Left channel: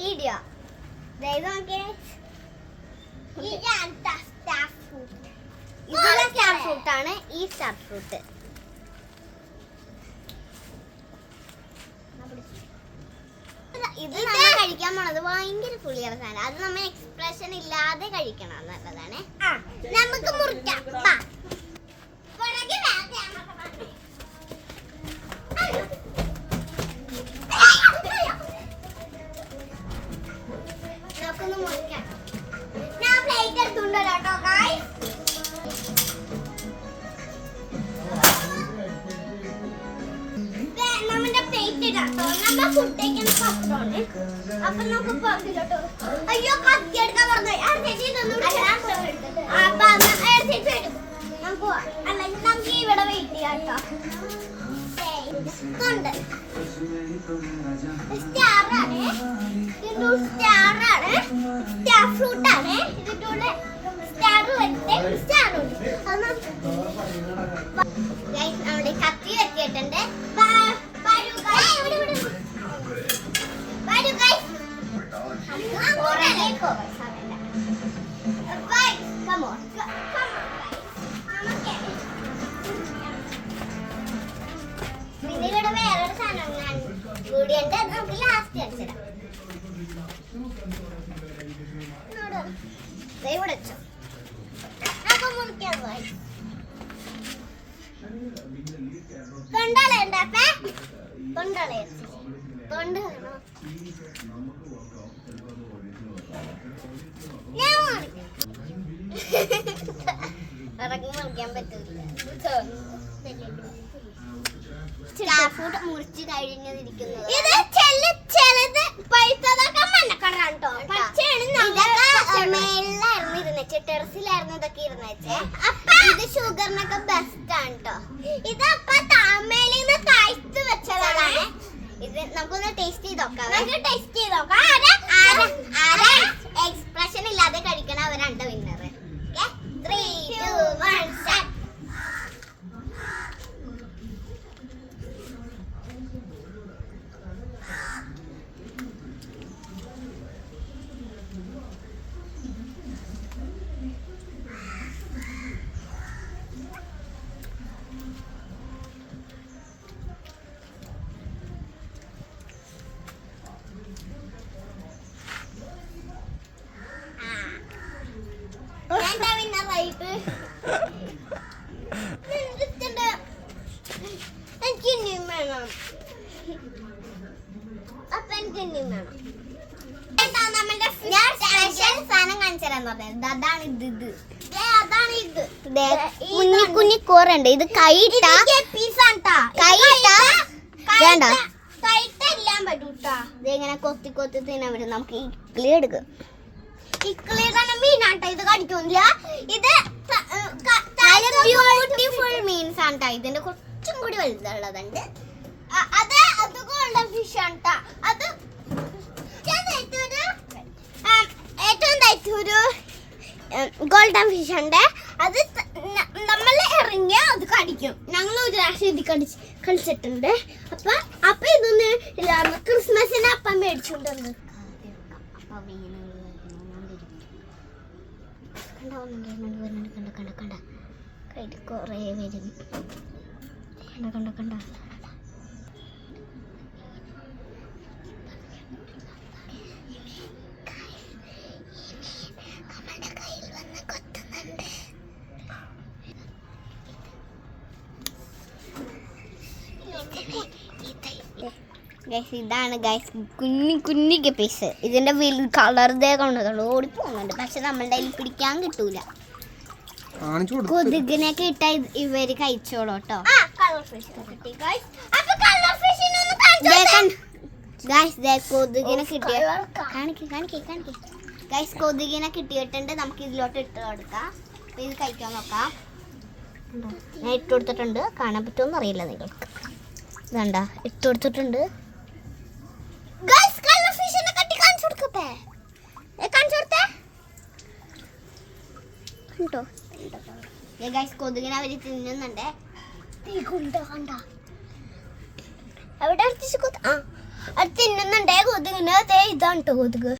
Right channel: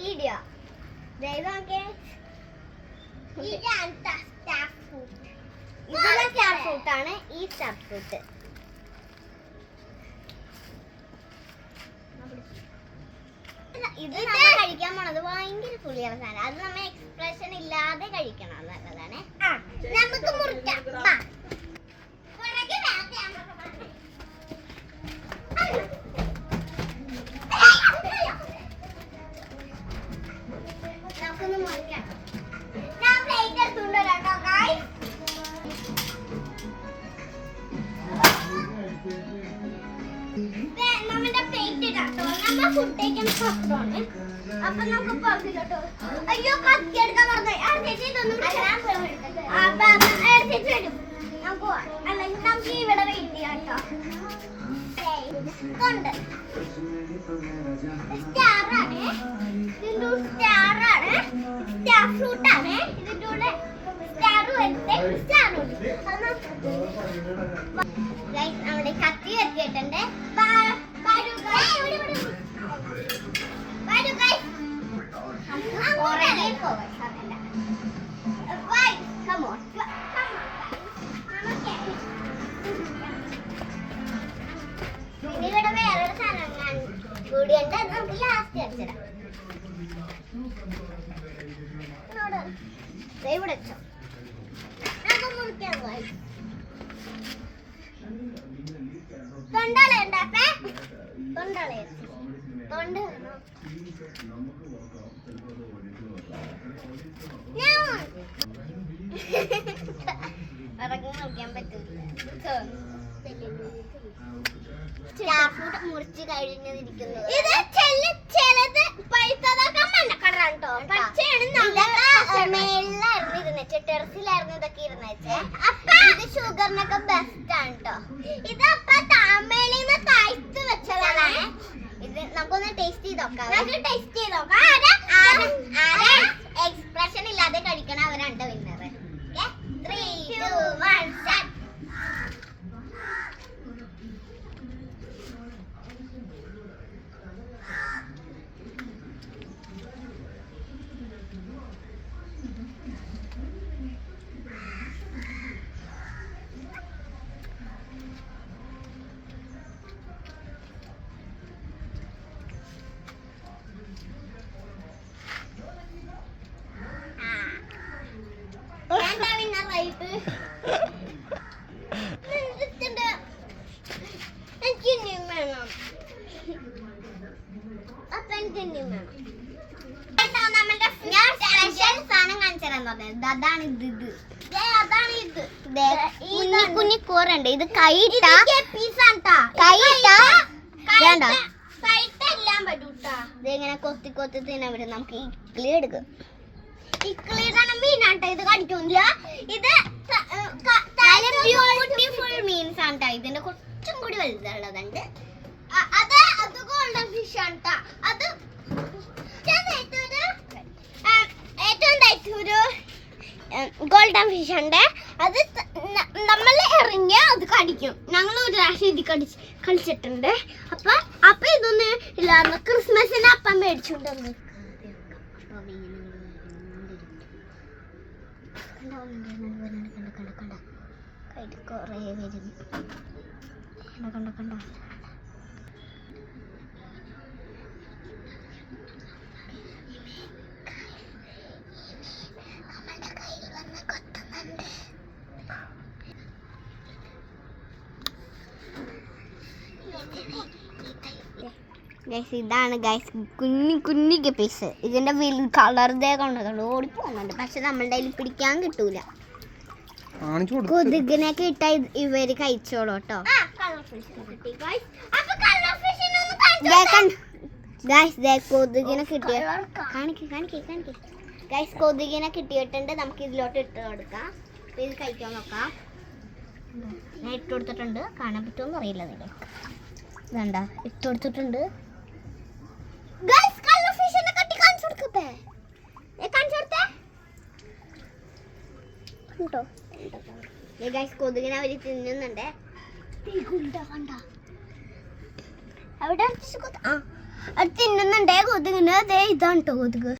Video star fruit ആണ്. ഈ star fruit ഇത് നമ്മൾ കഴിക്കാൻ പോണത് ഭയങ്കര പുളിയുള്ള സാധനം. അത് നമ്മൾ എക്സ്പ്രഷൻ ഇല്ലാതെ കഴിക്കണം. നല്ലതാണ്. നമുക്ക് മുറിക്കാം. നമുക്കൊന്ന് മുറിക്കാം. ഞാൻ പ്ലേറ്റ് എടുത്തുകൊണ്ട് വരാം കേട്ടോ ഗായ്സ്. നമ്മുടെ പ്ലേറ്റ് ഇടാട്ടോ. നമ്മൾ ഫുഡ് കഴിക്കുന്ന പാത്രമാണ്. അപ്പൊ നമുക്ക് പങ്കിലോട്ടോ. അയ്യോ കത്തി എടുക്കാൻ പറഞ്ഞു. അല്ലെങ്കിൽ നമുക്ക് ഇവിടെ വെയിറ്റ് ചെയ്യാം കേട്ടോ. സ്റ്റാറാണ്. സ്റ്റാറാണ്. സ്റ്റാർ ഫ്രൂട്ട് ആണ്. ഇതിന്റെ കൂടെ സ്റ്റാർ വരുന്നത് സ്റ്റാറുണ്ട്. നമ്മുടെ കത്തി വെച്ചിട്ടുണ്ട്. ഇവിടെ വേറൊരു സാധനം ഞാൻ കൂടിയുണ്ട്. അത് നമുക്ക് ലാസ്റ്റ് അടിച്ചിടാം. ഇവിടെ വെച്ചോ. നമുക്ക് മുറിക്കാൻ പോയി. തൊണ്ടളയുണ്ടാപ്പേ. തൊണ്ടളയ തൊണ്ട ഇറങ്ങി മുറിക്കാൻ പറ്റൂല. മുറിച്ച് കഴിഞ്ഞിരിക്കുന്നത് ഇത് ചിലത് പഴുത്തതൊക്കെ മണ്ണക്കടലാണ് കേട്ടോ. മേളിലായിരുന്നു ഇരുന്നേച്ച്. ടെറസിലായിരുന്നു ഇതൊക്കെ ഇരുന്നേച്ചേ. ഇത് ഷുഗറിനൊക്കെ ബെസ്റ്റ് ആണ് കേട്ടോ. ഇത് അപ്പൊ താമേലിന്ന് കഴിച്ചു വെച്ചതാണ്. ഇത് നമുക്കൊന്ന് ടേസ്റ്റ് ചെയ്ത് നോക്കാം. ടേസ്റ്റ് ചെയ്ത് നോക്കാം. എക്സ്പ്രഷൻ ഇല്ലാതെ കഴിക്കണ അവരാണ് വിന്നർ. 3, 2, 1 സ്റ്റാർട്ട്. കുഞ്ഞി കോറുണ്ട്. ഇത് കൈയിട്ട ഇതെങ്ങനെ കൊത്തി കൊത്തി തിന്നാൻ പറ്റും. നമുക്ക് ഇക്ലി എടുക്കും. ഇക്ലിയുടെ മീനാട്ടോ. ഇത് കടിക്കില്ല. ഇത് ബ്യൂട്ടിഫുൾ മീൻസ് ആണ്. ഇതിന്റെ കുറച്ചും കൂടി വലുതുള്ളതുണ്ട്. അത് ഗോൾഡൻ ഫിഷ് ആണ്. അത് ഏറ്റവും ഒരു ഗോൾഡൻ ഫിഷ് ഉണ്ട്. അത് നമ്മൾ ഇറങ്ങിയ അത് കടിക്കും. ഞങ്ങൾ ഒരു പ്രാവശ്യം ഇത് കളിച്ചിട്ടുണ്ട്. അപ്പൊ ഇതൊന്ന് ഇല്ലാന്ന് ക്രിസ്മസിന് അപ്പം മേടിച്ചുകൊണ്ടുവന്ന് കൊറേ വരും. കണ്ട ഗൈസ്, ഇതാണ് ഗൈസ് കുഞ്ഞി പീസ്. ഇതിന്റെ കളർ കൊണ്ടതുകൊണ്ട് ഓടിപ്പോകുന്നുണ്ട്. പക്ഷെ നമ്മളുടെ കയ്യിൽ പിടിക്കാൻ കിട്ടൂല. കൊതുകിനൊക്കെ ഇട്ട ഇവര് കഴിച്ചോളൂ കേട്ടോ. കൊതുകിനെ കിട്ടിയ ഗൈസ് കൊതുകിനെ കിട്ടിയിട്ടുണ്ട്. നമുക്ക് ഇതിലോട്ട് ഇട്ട് കൊടുക്കാം. ഇത് കഴിക്കാൻ നോക്കാം. ഞാൻ ഇട്ട് കൊടുത്തിട്ടുണ്ട്. കാണാൻ പറ്റുമെന്ന് അറിയില്ല നിങ്ങൾക്ക്. ഇതണ്ട ഇട്ട് കൊടുത്തിട്ടുണ്ട്. കൊതുകിനെ അവര് തിന്നുന്നുണ്ട്. അത് തിന്നുന്നുണ്ടേ കൊതുകിന്. അതേ ഇതാണ് കേട്ടോ കൊതുക്.